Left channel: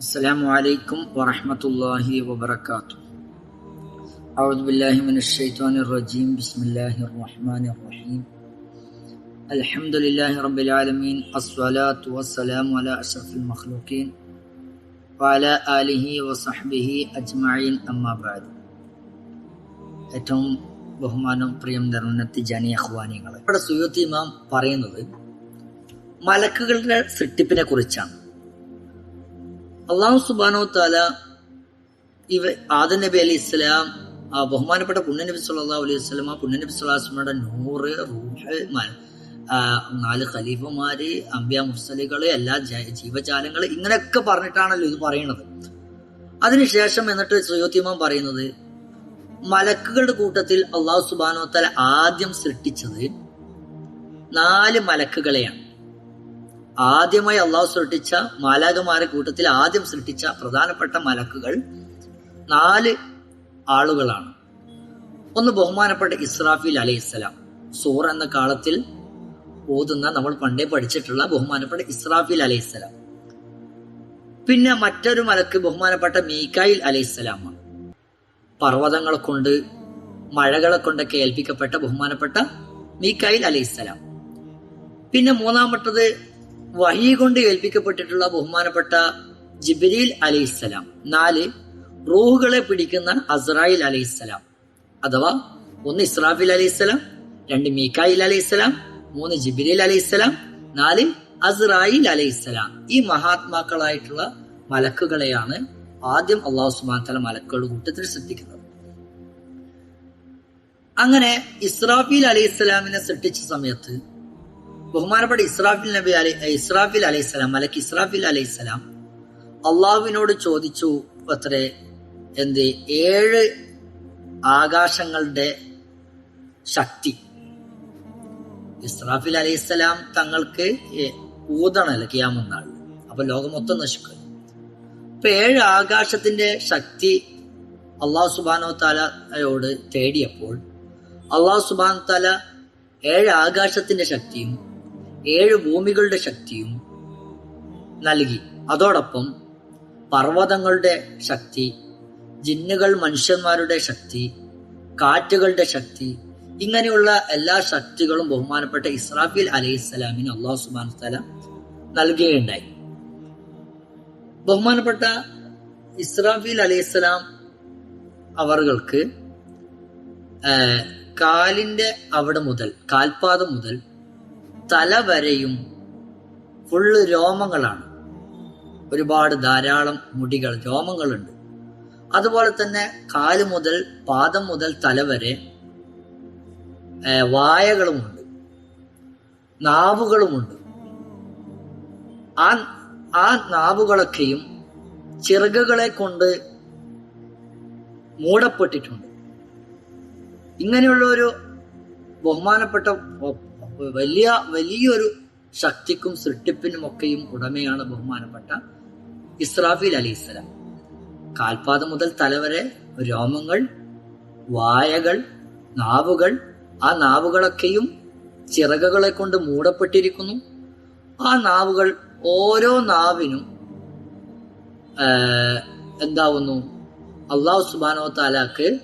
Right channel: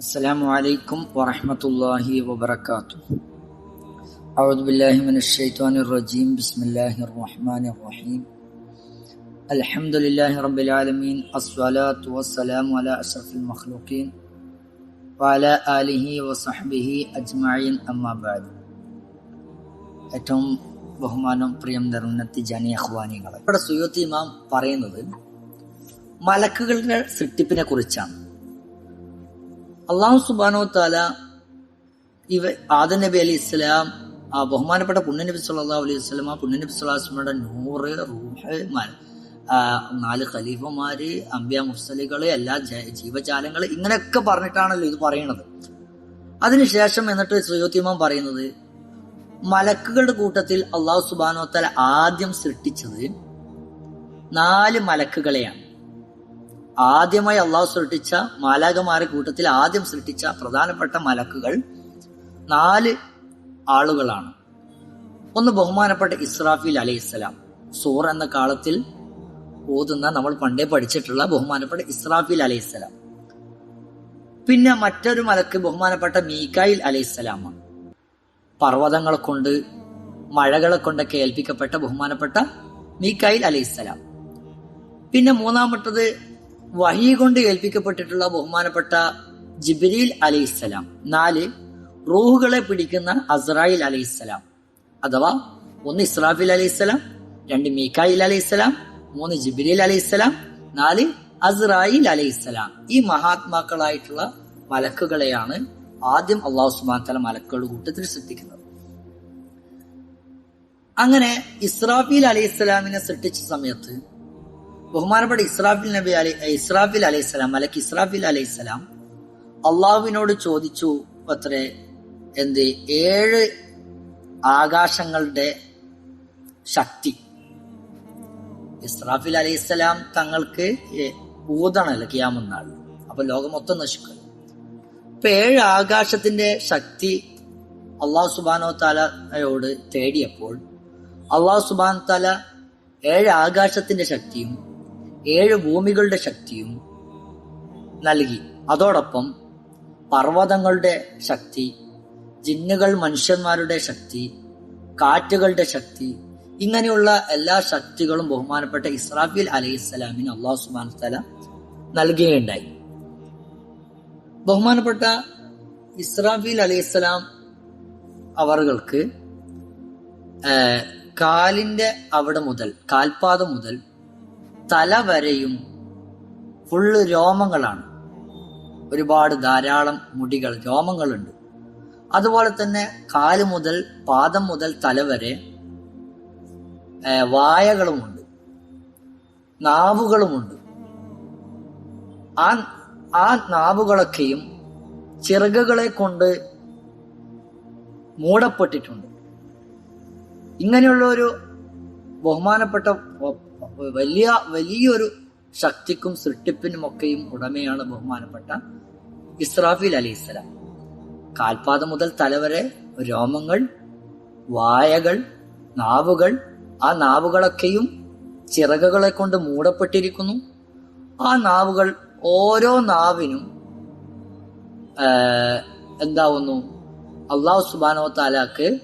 السلام عليكم ورحمة الله وبركاته أعوذ بالله من الشيطان الرجيم بسم الله الرحمن الرحيم الحمد لله رب العالمين الصلاة والسلام على أشرف المخلوقين وعلى آله وصحبه أجمعين أما بعد ഏറ്റവും ബഹുമാനം പ്രിയം നിറഞ്ഞ തിജാനി അഹ്വാനികൾ ഇവിടെ സുയൂത്തി ഇമാം പറയുന്നത് മലക്കുകളുടെ സൃഷ്ടിപ്പിനെ കുറിച്ചാണ് അള്ളാഹു സുബാനോ താല ഇവ ആദം നബി അലി ഇസ്ലാം ആ ബഹുമാനപ്പെട്ട പുണ്യനബി സല്ലാ അലൈഹി വസ്ലാം ആ പുണ്യനബി സ്വലാസ്മയുടെ നൂറ് റൂഹ് നാല് ഖലീഫമാര് അമ്പ്യ മുസ്ലികൾ എല്ലാ ജീവജാലങ്ങൾ ഇങ്ങനെയൊക്കെ പറഞ്ഞിട്ടാണല്ലോ ഇത് പറയുന്നത്. അതിനുശേഷം എന്നിട്ട് സുയോത്തിമാൻ പറയുന്നത് മലക്കുകളുടെ കൂട്ടത്തിൽ അള്ളാഹു സുബാനോ താല ആദ്യം സൃഷ്ടിച്ചത് നാല് മലക്കുകളെയാണ്. ആദ്യമായി അള്ളാഹു സൃഷ്ടിച്ച മാലാകമാരുടെ കൂട്ടത്തിൽ ആദ്യം സൃഷ്ടിച്ച പ്രധാനപ്പെട്ട മലക്കുകൾ നാല് ആളുകളാണ്. ഒന്ന് ബഹുമാനപ്പെട്ട ഇസ്രാഫിൽ അലൈഹിസ്സലാം. സൂർ എന്ന കാലത്തിൽ ഓതുന്ന നമ്മൾ പണ്ടേ പഠിച്ചിട്ടുള്ള ബഹുമാനപ്പെട്ട ഇസ്രാഫിൽ അലൈഹിസ്സലാം. പിന്നെ മറ്റൊരു മലക്ക് ബഹുമാനപ്പെട്ട മീക്കായിൽ അലൈഹിസ്സലാമാണ്. പർവതങ്ങളെ കൊണ്ട് മഴകളെ കൊണ്ടൊക്കെ ഏൽപ്പിക്കപ്പെട്ട ബഹുമാനപ്പെട്ട മീക്കായിൽ അലൈഹിസ്സലാം. പിന്നെ മൂന്നാമത്തത് വഹി കൊണ്ട് ഏൽപ്പിക്കപ്പെട്ടിട്ടുള്ള ബഹുമാനപ്പെട്ട ജിബിരിൽ അലൈഹിസ്സലാം നാല് റൂഹുകളെ പിടിക്കുന്ന അസ്രായിൽ അലൈഹിസ്സലാം അഥവാ ഒന്ന് ഇസ്രാഫിൽ അലൈഹിസ്സലാം രണ്ട് മീക്കായിൽ അലൈഹിസ്സലാം മൂന്ന് ജിബിരിൽ അലൈഹിസ്സലാം നാല് അസ്രായിൽ അലൈഹിസ്സലാം ഈ മഹാത്മാക്കളായിട്ടുള്ള മലക്കുകളെയാണ് ആദ്യം അള്ളാഹു സുബാൻ തല മലക്കുകളുടെ കൂട്ടത്തിൽ സൃഷ്ടിക്കുന്നത്. അങ്ങനെ ഇസ്രാഫീൽ അലൈഹിസ്സലാമിനെ സൃഷ്ടിച്ച സമയത്ത് ബഹുമാനപ്പെട്ട ഇസ്രാഫിൽ നബി അലി ഇസ്രാഫിൽ അലൈഹിസ്സലാം മലക്ക് ഇസ്രാഫിൽ അലൈഹിസ്സലാം അള്ളാഹുവിനോട് ചോദിച്ചു അത്രേ എന്ത് ഏഴ് ആകാശങ്ങളുടെ ശക്തി. ഇസ്രാഫിൽ അലൈഹിസ്സലാം തങ്ങൾക്ക് ഊതണല്ലോ കിയാമെന്നാൾ. അപ്പൊ ലോകം മൊത്തം നശിക്കും. ഇപ്പൊ ഏഴ് ആകാശത്തിന്റെ ശക്തി അള്ളാഹു സുബാനോ താലയോട് തേടിയപ്പോൾ അള്ളാഹു സുബാൻ താല ഏഴ് ആകാശത്തിന്റെ ശക്തിയും ഏഴ് ഭൂമികളുടെ ശക്തിയും നൽകി. അതോടൊപ്പം പർവതങ്ങളുടെ ശക്തി ജിന്നുകൾ മനുഷ്യന്മാരുടെ ശക്തി കാറ്റുകളുടെ ശക്തി ഇങ്ങനെയുള്ള എല്ലാ ശക്തികളും ബഹുമാനപ്പെട്ട ഇസ്രാഫിൽ അലൈഹിസ്സലാമിന് അള്ളാഹു തല നൽകുകയുണ്ടായി. ബഹുമാനപ്പെട്ട ഇസ്രാഫിൽ അലൈഹിസ്സലാം അവർക്ക് കാലിന്റെ അവിടെ മുതൽ കാൽപാദം മുതൽ തല വരെയും ഫുള്ള് രോമങ്ങളാണ്. ഒരുപാട് ധാരാളം മുടികൾ രോമങ്ങളുണ്ട്. അതുപോലെ തന്നെ കാൽ മുതൽ പാദം മുതൽ തല വരെ വായകളുമുണ്ട്. നാവുകളുമുണ്ട്. ആ ആ നാവുകളൊക്കെയും ചിറകുകളെ കൊണ്ട് മൂടപ്പെട്ടിട്ടുണ്ട്. ഇങ്ങനെയുള്ള ഒരു ബഹുമാനപ്പെട്ട വലിയ വലിയൊരു ശക്തിക്കും സൃഷ്ടിപ്പിനും ഒക്കെയും ഉടമയാണ് ബഹുമാനപ്പെട്ട ഇസ്രാഫിൽ അലിസ്ലാം കാൽപാദം മുതൽ തലവരെ രോമങ്ങൾ വായകൾ നാവുകൾ ആ നാവുകളൊക്കെയും ചിറകുകളെ കൊണ്ട് മൂടപ്പെട്ടിരിക്കുന്നു. ആ നാവുകൾ ഓരോ നാവിനും എന്താവുന്നു? അള്ളാഹു സുബാനോ താലാക്ക്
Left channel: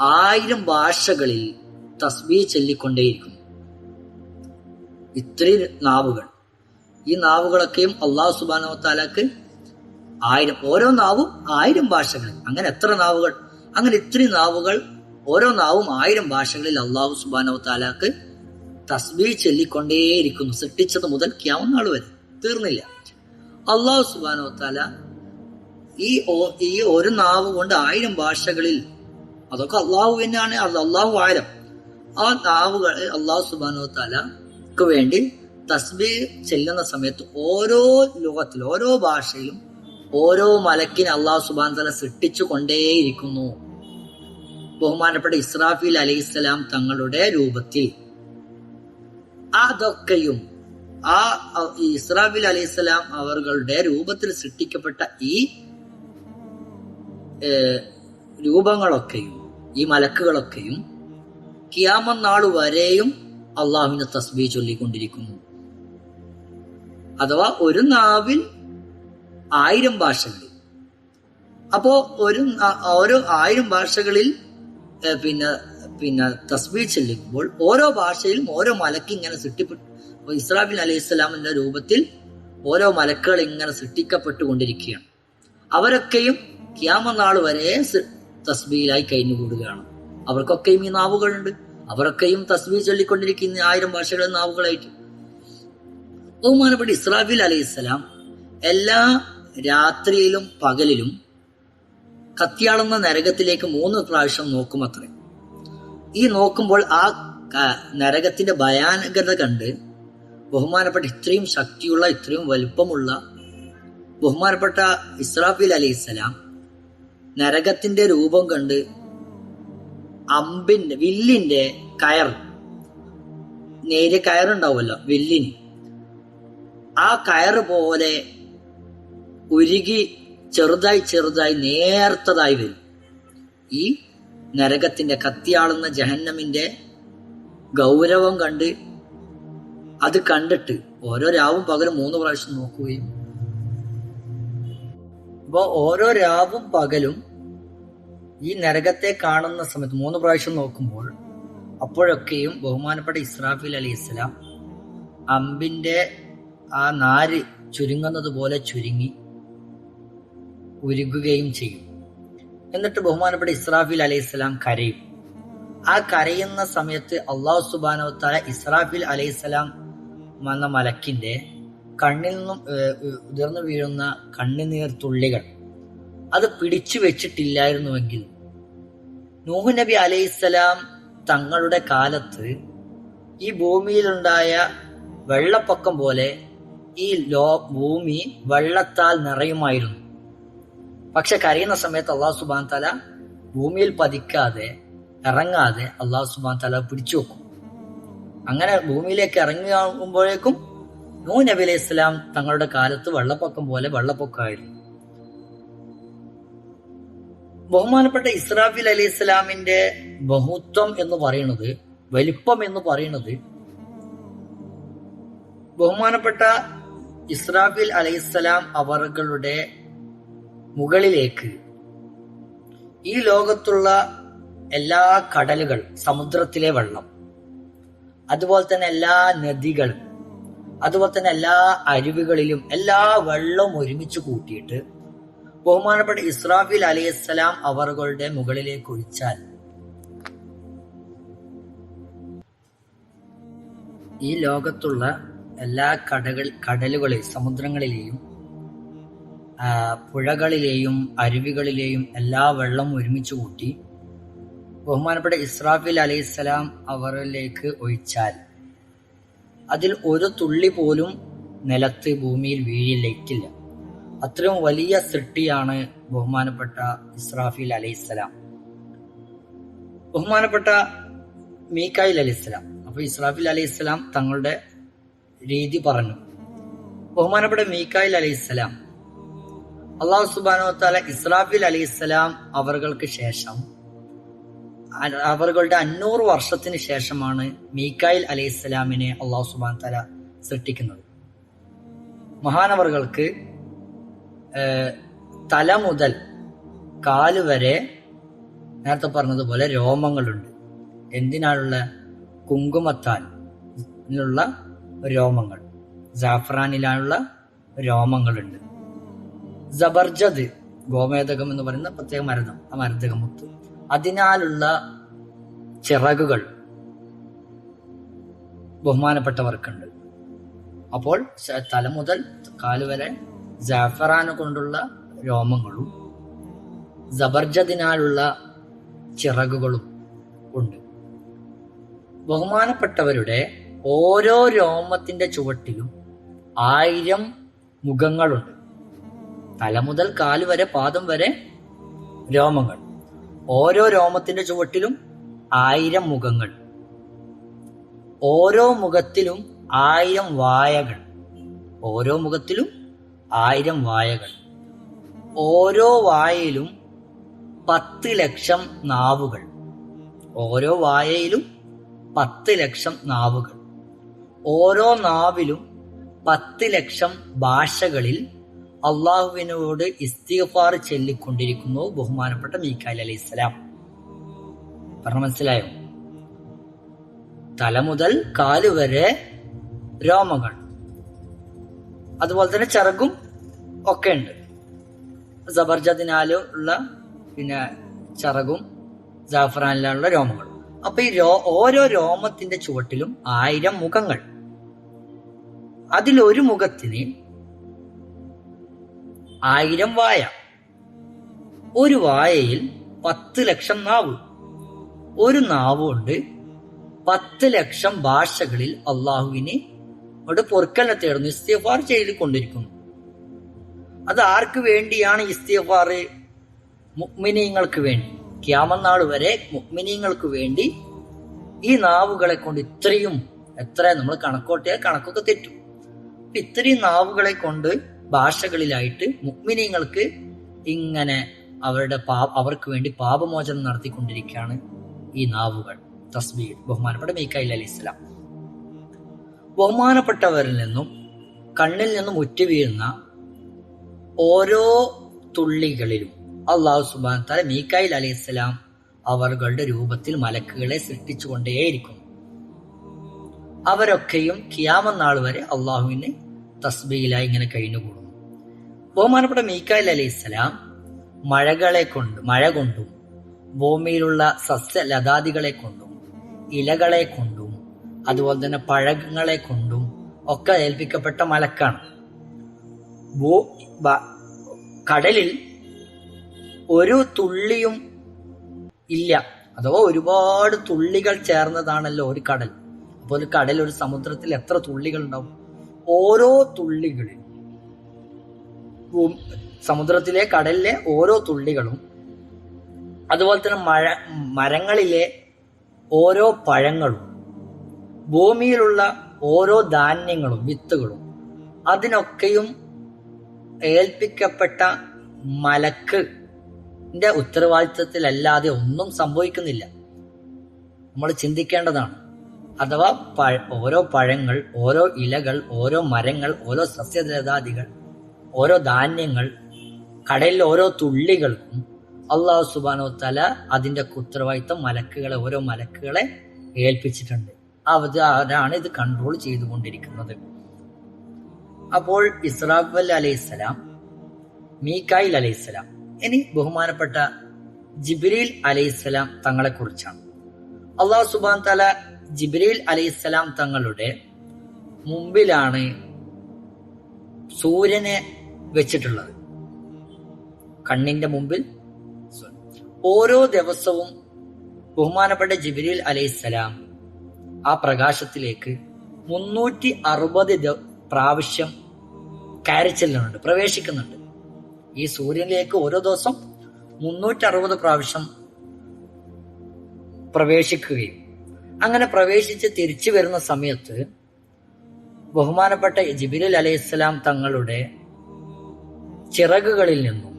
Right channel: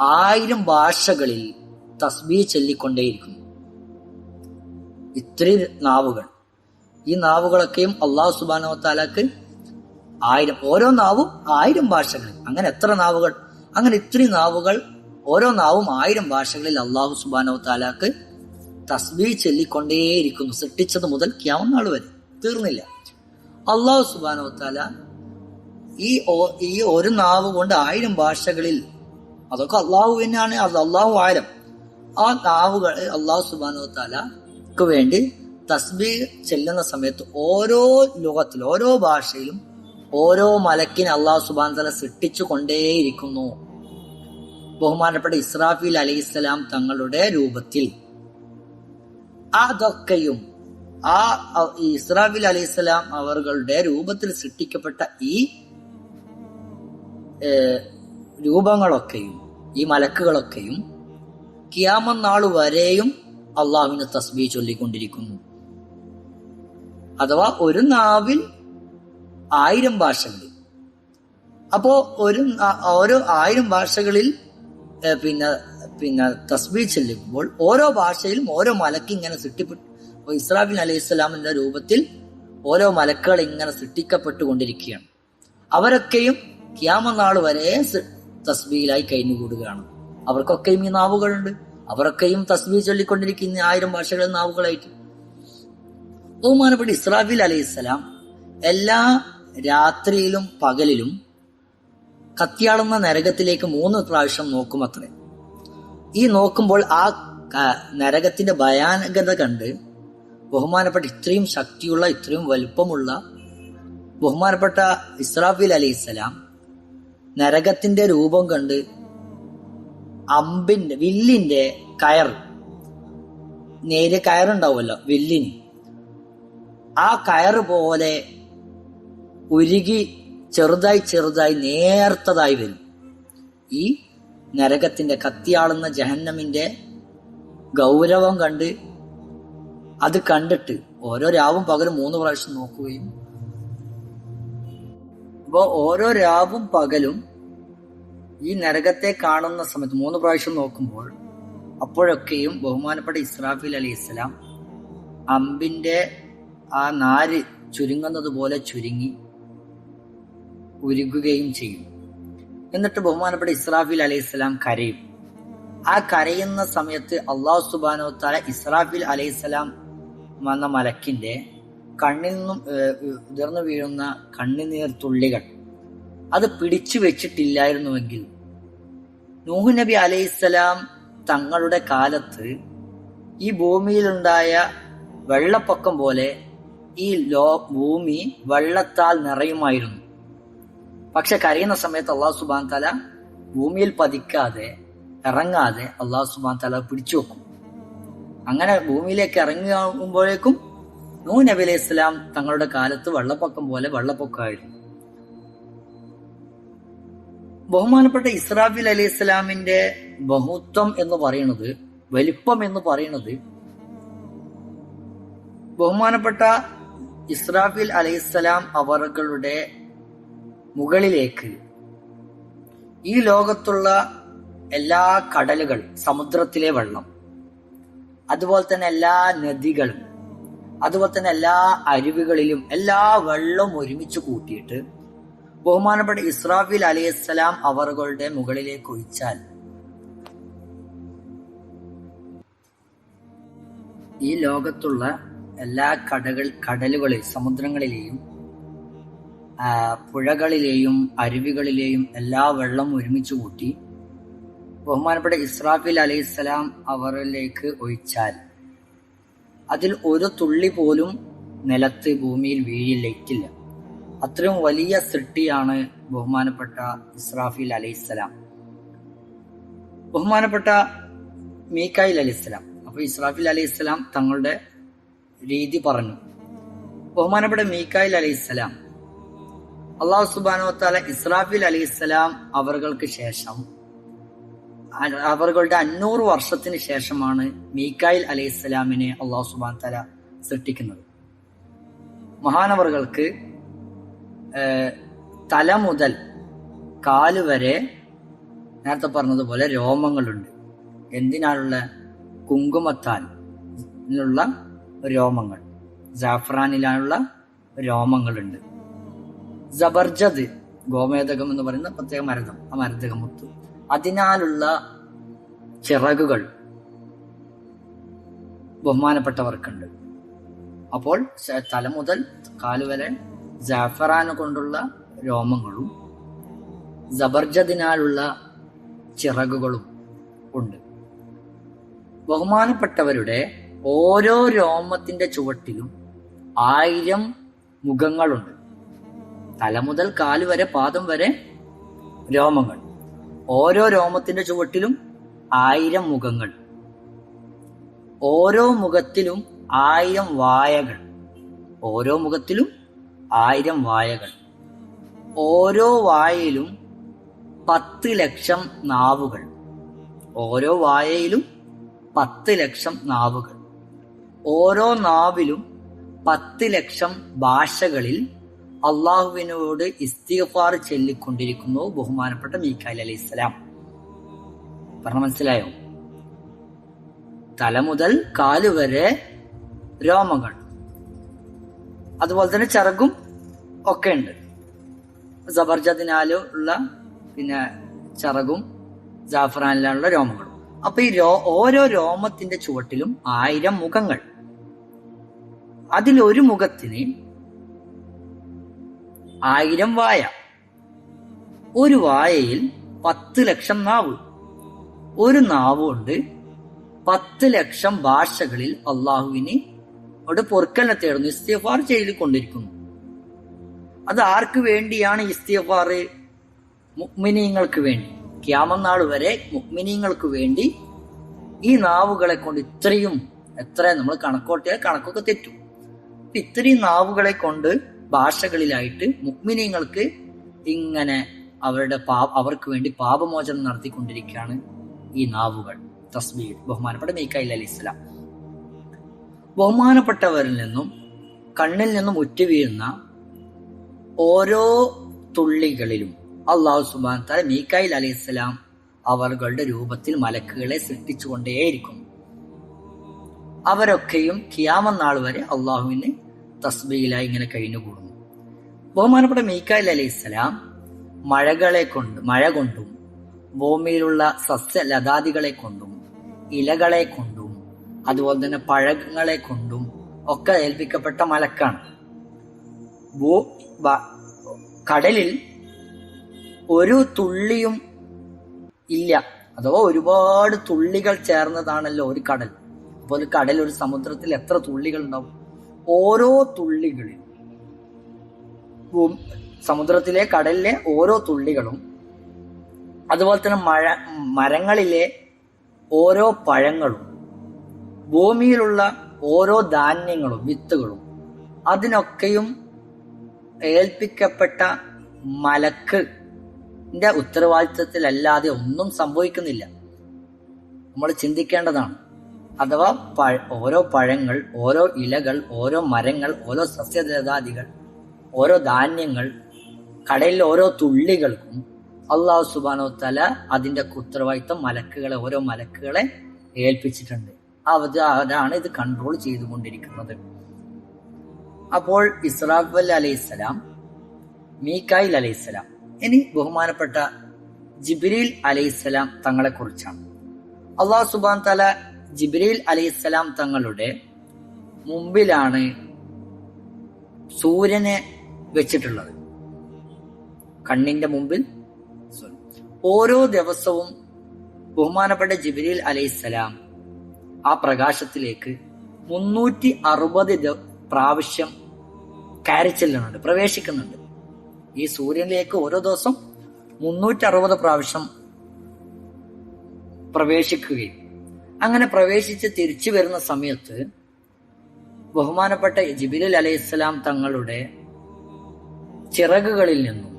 ആയിരം ഭാഷകളിൽ തസ്ബീ ചൊല്ലിക്കൊണ്ടേയിരിക്കുന്നു. ഇത്രയും നാവുകൾ. ഈ നാവുകളൊക്കെയും അള്ളാഹു സുബാനോ താലാക്ക് ആയിരം ഓരോ നാവും ആയിരം ഭാഷകൾ അങ്ങനെ എത്ര നാവുകൾ അങ്ങനെ ഇത്രയും നാവുകൾ ഓരോ നാവും ആയിരം ഭാഷകളിൽ അള്ളാഹു സുബാനോ താലാക്ക് തസ്ബീ ചൊല്ലിക്കൊണ്ടേയിരിക്കുന്നു. സൃഷ്ടിച്ചത് മുതൽ ക്യാമനാൾ വരെ. തീർന്നില്ല. അള്ളാഹു സുബാനോ താല ഈ ഈ ഒരു നാവ് കൊണ്ട് ആയിരം ഭാഷകളിൽ അതൊക്കെ അള്ളാഹു തന്നെയാണ് അത് അള്ളാഹു ആയിരം. ആ നാവുകൾ അള്ളാഹു സുബാനോ താലക്ക് വേണ്ടി തസ്ബീ ചെല്ലുന്ന സമയത്ത് ഓരോ ലോകത്തിൽ ഓരോ ഭാഷയിലും ഓരോ മലക്കിന് അള്ളാഹു സുബാൻ തല സൃഷ്ടിച്ചു കൊണ്ടേയിരിക്കുന്നു. ബഹുമാനപ്പെട്ട ഇസ്രാഫീൽ അലൈഹിസ്സലാം തങ്ങളുടെ രൂപത്തിൽ. അതൊക്കെയും ആ ഇസ്രാഫീൽ അലൈഹിസ്സലാം അവരുടെ രൂപത്തിൽ സൃഷ്ടിക്കപ്പെട്ട ഈ രൂപങ്ങളൊക്കെയും ഈ മലക്കുകളൊക്കെയും കിയാമം നാൾ വരെയും അള്ളാഹുവിന് തസ്ബീ ചൊല്ലിക്കൊണ്ടിരിക്കുന്നു. അഥവാ ഒരു നാവിൽ ആയിരം ഭാഷകളിൽ അപ്പോ ഒരു ഓരോ ആയിരം ഭാഷകളിൽ പിന്നെ പിന്നെ തസ്ബീ ചൊല്ലിക്കുമ്പോൾ ഓരോ ഭാഷയിലും ഓരോ മലക്ക് ഇങ്ങനെ സൃഷ്ടിപ്പെട്ടു ഇസ്രാഫിൽ അലൈഹി സ്വലാമിന്റെ രൂപത്തിൽ ഓരോ മലക്കുകൾ ഇങ്ങനെ സൃഷ്ടിക്കപ്പെട്ടുകൊണ്ടിരിക്കുകയാണ്. അവരൊക്കെയും ക്യാമനാൾ വരെ തസ്ബിയിലായി കഴിഞ്ഞുകൂടുകയാണ്. അവർക്കൊക്കെയും ഈ നാവുകളുണ്ട്. അവരൊക്കെയും തസ്ബീ ചൊല്ലിക്കൊണ്ടിരിക്കുന്ന ആയിരം ഭാഷകളിൽ നാവുകളായിട്ട്. ബഹുമാനപ്പെട്ട ഇസ്രാഫിൽ അലൈഹിസ്സലാം എല്ലാ രാത്രിയിലും പകലിലും കത്തിയാളുന്ന നരകത്തിലേക്ക് മൂന്ന് പ്രാവശ്യം നോക്കും നോക്കുമത്രേ. ഈ നോക്കുമ്പോൾ ആ നരകത്തിന്റെ ഭയാനകത കണ്ട് ബഹുമാനപ്പെട്ട ഇത്രയും ശക്തിയുള്ള ഇത്രയും വലുപ്പമുള്ള ബഹുമാനപ്പെട്ട ഇസ്രാഫിൽ അലൈഹിസ്സലാം നരകത്തിന്റെ രൂപം കണ്ട് അമ്പിന്റെ വില്ലിന്റെ കയർ. നേരിയ കയറുണ്ടാവുമല്ലോ വില്ലിന്. ആ കയർ പോലെ ഉരുകി ചെറുതായി ചെറുതായി നേർത്തതായി വരും. ഈ നരകത്തിന്റെ കത്തിയാളുന്ന ജഹന്നമിന്റെ ഗൗരവം കണ്ട് അത് കണ്ടിട്ട് ഓരോ രാവും പകലും മൂന്ന് പ്രാവശ്യം നോക്കുകയും. അപ്പോ ഓരോ രാവും പകലും ഈ നരകത്തെ കാണുന്ന സമയത്ത് മൂന്ന് പ്രാവശ്യം നോക്കുമ്പോൾ അപ്പോഴൊക്കെയും ബഹുമാനപ്പെട്ട ഇസ്രാഫിൽ അലി ഇസ്ലാം അമ്പിന്റെ ആ നാര് ചുരുങ്ങുന്നത് പോലെ ചുരുങ്ങി ഉരുകുകയും ചെയ്യും. എന്നിട്ട് ബഹുമാനപ്പെട്ട ഇസ്രാഫിൽ അലൈഹി സ്വലാം കരയും. ആ കരയുന്ന സമയത്ത് അള്ളാഹു സുബാനോ താല ഇസ്രാഫിൽ അലൈഹി സ്വലാം വന്ന മലക്കിന്റെ കണ്ണിൽ നിന്നും ഉതിർന്നു വീഴുന്ന കണ്ണുനീർ തുള്ളികൾ അത് പിടിച്ചു വെച്ചിട്ടില്ലായിരുന്നുവെങ്കിൽ നൂഹ് നബി അലൈഹിസ്സലാം തങ്ങളുടെ കാലത്ത് ഈ ഭൂമിയിലുണ്ടായ വെള്ളപ്പൊക്കം പോലെ ഈ ലോ ഭൂമി വെള്ളത്താൽ നിറയുമായിരുന്നു. പക്ഷെ കരയുന്ന സമയത്ത് അള്ളാഹു സുബാൻ തല ഭൂമിയിൽ പതിക്കാതെ ഇറങ്ങാതെ അള്ളാഹു സുബാൻ തല പിടിച്ചു വെക്കും. അങ്ങനെ ഭൂമിയിലേക്ക് ഇറങ്ങുമ്പോഴേക്കും നൂ നബി അലൈഹി ഇസ്ലാം തങ്ങളുടെ കാലത്ത് വെള്ളപ്പൊക്കം പോലെ വെള്ളപ്പൊക്കമായിരുന്നു. ബഹുമാനപ്പെട്ട ഇസ്രാഫിൽ അലി ഇസ്ലാമിന്റെ ബഹുത്വം എന്ന് പറയുന്നത് വലിപ്പം എന്ന് പറയുന്നത് ബഹുമാനപ്പെട്ട ഇസ്രാഫിൽ അലൈഹിസ്സലാം അവറുകളുടെ മുകളിലേക്ക് ഈ ലോകത്തുള്ള എല്ലാ കടലുകൾ സമുദ്രത്തിലെ വെള്ളം അതുപോലെ തന്നെ എല്ലാ നദികൾ അതുപോലെ തന്നെ എല്ലാ അരുവികളിലും എല്ലാ വെള്ളവും ഒരുമിച്ച് കൂട്ടിയിട്ട് ബഹുമാനപ്പെട്ട ഇസ്രാഫിൽ അലൈഹിസ്സലാം അവറുകളുടെ മുകളിലേക്ക് ഒഴിച്ചാൽ ഈ ലോകത്തുള്ള എല്ലാ കടകൾ കടലുകളിൽ സമുദ്രങ്ങളിലെയും പുഴകളിലെയും അരുവികളിലെയും എല്ലാ വെള്ളം ഒരുമിച്ച് കൂട്ടി ബഹുമാനപ്പെട്ട ഇസ്രാഫിൽ അലൈഹിസ്സലാം അവരിലേക്ക് ഒഴിച്ചാൽ അതിൽ ഒരു തുള്ളി പോലും നിലത്ത് ഭൂമിയിൽ വീഴില്ലേറ്റില്ല അത്രയും വലിയ സൃഷ്ടിയാണ് ബഹുമാനപ്പെട്ട ഇസ്രാഫിൽ അലൈഹിസ്സലാം ബഹുമാനപ്പെട്ട മീക്കായിൽ അലൈഹിസ്സലാം അപ്പൊ ഇസ്രാഫിൽ അലൈഹിസ്സലാം തങ്ങളുടെ രീതി പറഞ്ഞു. ബഹുമാനപ്പെട്ട മീക്കായിൽ അലൈഹിസ്സലാം അള്ളാഹു സുബാനോ താല ഇസ്രാഫിൽ അലൈഹിസ്സലാം അവർക്ക് ശേഷം അവരുടെ അഞ്ഞൂറ് വർഷത്തിന് ശേഷമാണ് മീക്കായിൽ അലൈഹിസ്സലാമിനെ അള്ളാഹു സുബാൻ തല സൃഷ്ടിക്കുന്നത്. മഹാനവറുകൾക്ക് തല മുതൽ കാൽ വരെ നേരത്തെ പറഞ്ഞതുപോലെ രോമങ്ങളുണ്ട്. എന്തിനാണുള്ള കുങ്കുമത്താൽ ഉള്ള രോമങ്ങൾ? ജാഫ്രാനിലാണുള്ള രോമങ്ങളുണ്ട്. ജബർജദ് ഗോമേതകം എന്ന് പറയുന്ന പ്രത്യേക മരണം ആ മരതകം മുത്ത്. അതിനാലുള്ള ചിറകുകൾ ബഹുമാനപ്പെട്ടവർക്കുണ്ട്. അപ്പോൾ തല മുതൽ കാൽ വരെ ജാഫറാന് കൊണ്ടുള്ള രോമങ്ങളും ജബർജദിനാലുള്ള ചിറകുകളും ഉണ്ട്. ബഹുമാനപ്പെട്ടവരുടെ ഓരോ രോമത്തിന്റെ ചുവട്ടിലും ആയിരം മുഖങ്ങളുണ്ട്. തല മുതൽ കാൽ വരെ പാദം വരെ രോമങ്ങൾ. ഓരോ രോമത്തിന്റെ ചുവട്ടിലും ആയിരം മുഖങ്ങൾ. ഓരോ മുഖത്തിലും ആയിരം വായകൾ. ഓരോ മുഖത്തിലും ആയിരം വായകൾ. ഓരോ വായയിലും പത്ത് ലക്ഷം നാവുകൾ. ഓരോ വായയിലും പത്ത് ലക്ഷം നാവുകൾ. ഓരോ നാവിലും പത്ത് ലക്ഷം ഭാഷകളിൽ അള്ളാഹുവിനോട് ഇസ്തിഫാർ ചൊല്ലിക്കൊണ്ടിരിക്കുന്നു ബഹുമാനപ്പെട്ട മീക്കാലി അലൈഹി ഇസ്ലാം പറഞ്ഞ മനസ്സിലായോ? തല മുതൽ കാൽ വരെ രോമങ്ങൾ. അതുപോലെ തന്നെ ചിറകും ഒക്കെ ഉണ്ട്. സബർജത്തിനാലോ ഉള്ള പിന്നെ ചിറകും ജാഫറാനിലുള്ള രോമങ്ങളും. അപ്പൊ ഈ രോ ഓരോ രോമത്തിന്റെ ചുവട്ടിലും ആയിരം മുഖങ്ങൾ. അതിലൊരു മുഖത്തിന് ആയിരം വായ. ഒരു വായയിൽ പത്ത് ലക്ഷം നാവ്. ഒരു നാവ് കൊണ്ട് പത്ത് ലക്ഷം ഭാഷകളിൽ അള്ളാഹുവിനെ അവിടെ പൊറുക്കലിനെ തേടുന്നു ഇസ്തിഫാർ ചെയ്ത് കൊണ്ടിരിക്കുന്നു അത് ആർക്ക് വേണ്ടിയാണ് ഇസ്തിഫാറ് മുക്മിനീങ്ങൾക്ക് വേണ്ടി. ക്യാമനാൾ വരെ മുക്മിനീങ്ങൾക്ക് വേണ്ടി ഈ നാവുകളെ കൊണ്ട് ഇത്രയും എത്ര നമ്മൾ കണക്കോട്ടിയാൽ കണക്കൊക്കെ തെറ്റും. ഇത്രയും നാവുകളെ കൊണ്ട് ഭാഷകളിലായിട്ട് മുക്മിനീങ്ങൾക്ക് ഇങ്ങനെ അവരുടെ പാ അവർക്ക് വേണ്ടി പാപമോചനം നടത്തിക്കൊണ്ടിരിക്കുകയാണ് ഈ നാവുകൾ. തസ്ബീർ ബഹുമാനപ്പെട്ട മീക്കായി അലി ഇസ്ലാം ബഹുമാനപ്പെട്ടവരിൽ നിന്നും കണ്ണിൽ നിന്നും ഉറ്റുവീഴുന്ന ഓരോ തുള്ളികളിലും അള്ളാഹു സുബാൻ തല അലി ഇസ്ലാം അവരുടെ രൂപത്തിൽ മലക്കുകളെ സൃഷ്ടിച്ചുകൊണ്ടേയിരിക്കും. അവരൊക്കെയും കിയാമനാൾ വരെ അള്ളാഹുവിന് തസ്ബിയിലായി ഇങ്ങനെ കഴിഞ്ഞുകൂടുന്നു. ബഹുമാനപ്പെട്ട മീക്കായിൽ അലി ഇസ്ലാം മഴകളെ കൊണ്ട് മഴ കൊണ്ടും ഭൂമിയിലുള്ള സസ്യലതാദികളെ കൊണ്ടും ഇലകളെ കൊണ്ടും അതുപോലെ തന്നെ പഴങ്ങളെ കൊണ്ടും ഒക്കെ ഏൽപ്പിക്കപ്പെട്ട മലക്കാണ്. കടലിൽ ഒരു തുള്ളിയും ഇല്ല. അഥവാ ഒരുപാട് തുള്ളികൾ ചേർന്നതാണല്ലോ ഒരു കടൽ. അപ്പോൾ ഒരു കടൽ ഒരു സമുദ്രത്തിൽ എത്ര തുള്ളികൾ ഉണ്ടാവും ഓരോ തുള്ളികളിൽ സമുദ്രത്തിലെ കടലിലെ ഓരോ തുള്ളികളും അതുപോലെ തന്നെ മഴ മരങ്ങളിലെ ഓരോ പഴങ്ങളും ഭൂമിയിലുള്ള ഓരോ ധാന്യങ്ങളും വിത്തുകളും അതിനൊക്കെയും ഏൽപ്പിക്കപ്പെട്ട മലക്ക്. ഉത്തരവാദിത്വത്തിലല്ലാതെ ഒന്നും സംഭവിക്കുന്നില്ല. നമ്മൾ ചിന്തിക്കേണ്ടതാണ്. അഥവാ ഓരോ പഴങ്ങൾ ഓരോ ഇലകൾ ഓരോ മരങ്ങൾ ഓരോ സസ്യലതാദികൾ ഓരോ ധാന്യങ്ങൾ കടലിൽ ഓരോ തുള്ളികൾക്കും അള്ളാഹു സുബാനോ തല അതിന്റെ ഉത്തരവാദിത്തം മലക്കുകളെ ഓരോ മലക്കുകളെ ഏൽപ്പിച്ചിട്ടുണ്ട്. അവരാണ് ഇത് കൺട്രോൾ ചെയ്തുകൊണ്ടിരിക്കുന്നത്. അപ്പോൾ ഇസ്രാഖ് അലൈഹിസ്സലാം മീക്കായിൽ അലൈഹിസ്സലാം ഇനി ബഹുമാനപ്പെട്ട ജിബ്രീൽ അലൈഹിസ്സലാം തങ്ങളെ കുറിച്ചാണ്. അള്ളാഹു സുബാൻ തല ജിബ്രീൽ അലൈഹിസ്സലാം തങ്ങളുടെ മുമ്പിലാണ് സൂര്യനെ വെച്ചിട്ടുള്ളത്. കണ്ണിന്റെ മുമ്പിൽ ഓരോ ദിവസവും ബഹുമാനപ്പെട്ട ജിബ്രീൽ അലൈഹിസ്സലാം ആ പ്രകാശത്തിലേക്ക് മുന്നൂറ്റി അറുപത് പ്രാവശ്യം കയറി ചെല്ലുന്നുണ്ട് പ്രവേശിക്കുന്നുണ്ട്. ഈ സൂര്യനിലേക്ക് ഓരോ ദിവസം മുന്നൂറ്റി അറുപത് പ്രാവശ്യം പ്രവേശിക്കുകയും അങ്ങനെ പ്രവേശിച്ച് തിരിച്ചു വരുന്ന സമയത്ത് ബഹുമാനപ്പെട്ട ജിബിരിൽ അലൈഹിസ്സലാം തങ്ങളുടെ ചിറകുകളിൽ നിന്നും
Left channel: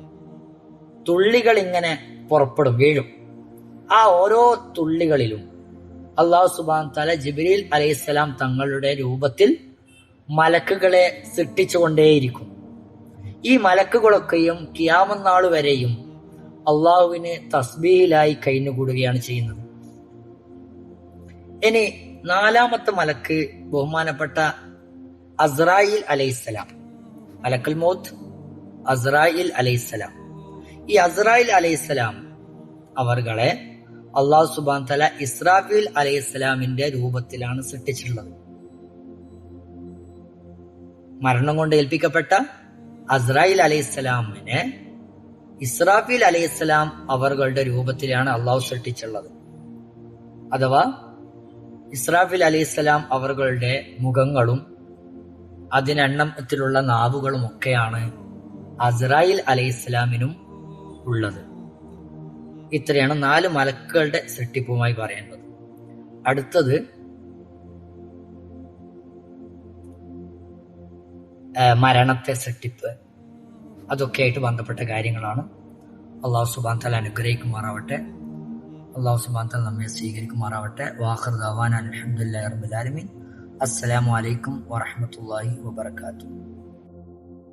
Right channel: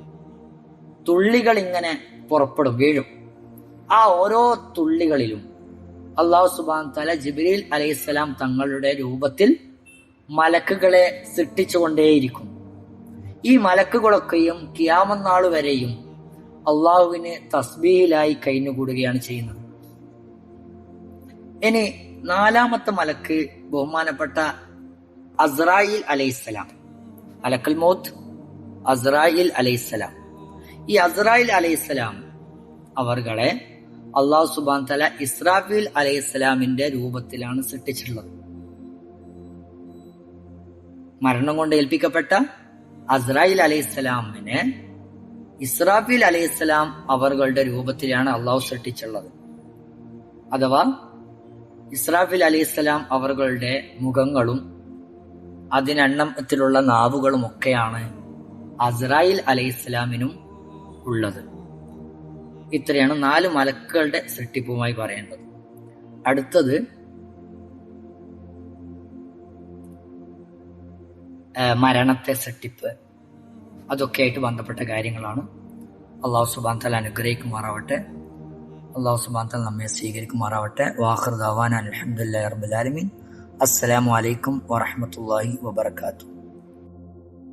തുള്ളികൾ ഇങ്ങനെ പുറപ്പെടും വീഴും. ആ ഓരോ തുള്ളികളിലും അള്ളാഹു സുബാൻ തല ജിബിരിൽ അലൈഹിസ്സലാം തങ്ങളുടെ രൂപത്തിൽ മലക്കുകളെ സൃഷ്ടിച്ചുകൊണ്ടേയിരിക്കും ഈ മലക്കുകളൊക്കെയും കിയാമന്നാൾ വരെയും അള്ളാഹുവിന് തസ്ബീലായി കഴിഞ്ഞുകൂടുകയാണ് ചെയ്യുന്നത്. ഇനി നാലാമത്തെ മലക്ക് ബഹുമാനപ്പെട്ട അസ്രായിൽ അലൈഹിസ്സലാം. മലക്കൽ മോത്ത് അസ്രായിൽ അലൈഹിസ്സലാം. ഈ അസ്രായിൽ അലൈഹിസ്സലാം അവർകളെ അള്ളാഹു സുബാൻ തല ഇസ്രാഫീൽ അലൈഹിസ്സലാമിന്റെ രൂപത്തിലാണ് സൃഷ്ടിച്ചിട്ടുള്ളത്. മരണം കൊണ്ട് ഏൽപ്പിക്കപ്പെട്ട അസ്രായിൽ അലൈഹിസ്സലാമിനെ ഇസ്രാഫീൽ അലൈഹിസ്സലാം അവരുടെ രൂപത്തിലാണ് അള്ളാഹു സൃഷ്ടിച്ചുള്ളത്. അഥവാ ഇസ്രാഫിൽ അലൈഹിസ്സലാം അവരുടെ മുഖങ്ങളും അതിനെണ്ണത്തിലുള്ള നാവുകളും ഒക്കെയാണ് അസ്രായിൽ അലൈഹിസ്സലാമിനും ഉള്ളത്. ഇത്രയാണ് നാല് മലക്കുകളുടെ സൃഷ്ടിപ്പുമായി പറയേണ്ടത്. അടുത്തത് മരണത്തെ സൃഷ്ടിപ്പ്. അതൊക്കെ ആയിട്ട് ബന്ധപ്പെട്ട കാര്യങ്ങളാണ്. അള്ളാഹു സുബാൻ തല അനുഗ്രഹിക്കുമാറാവട്ടെ. അള്ളാഹു സുബാൻ തല നമ്മെ സ്വീകരിക്കുമാറാവട്ടെ. വാഹർ ദവാൻ അലഹമുല്ലാ റബുലാലമീൻ അസ്സലാമു അലൈക്കും വറഹമത്തല്ലാഹി വബർക്കാത്തു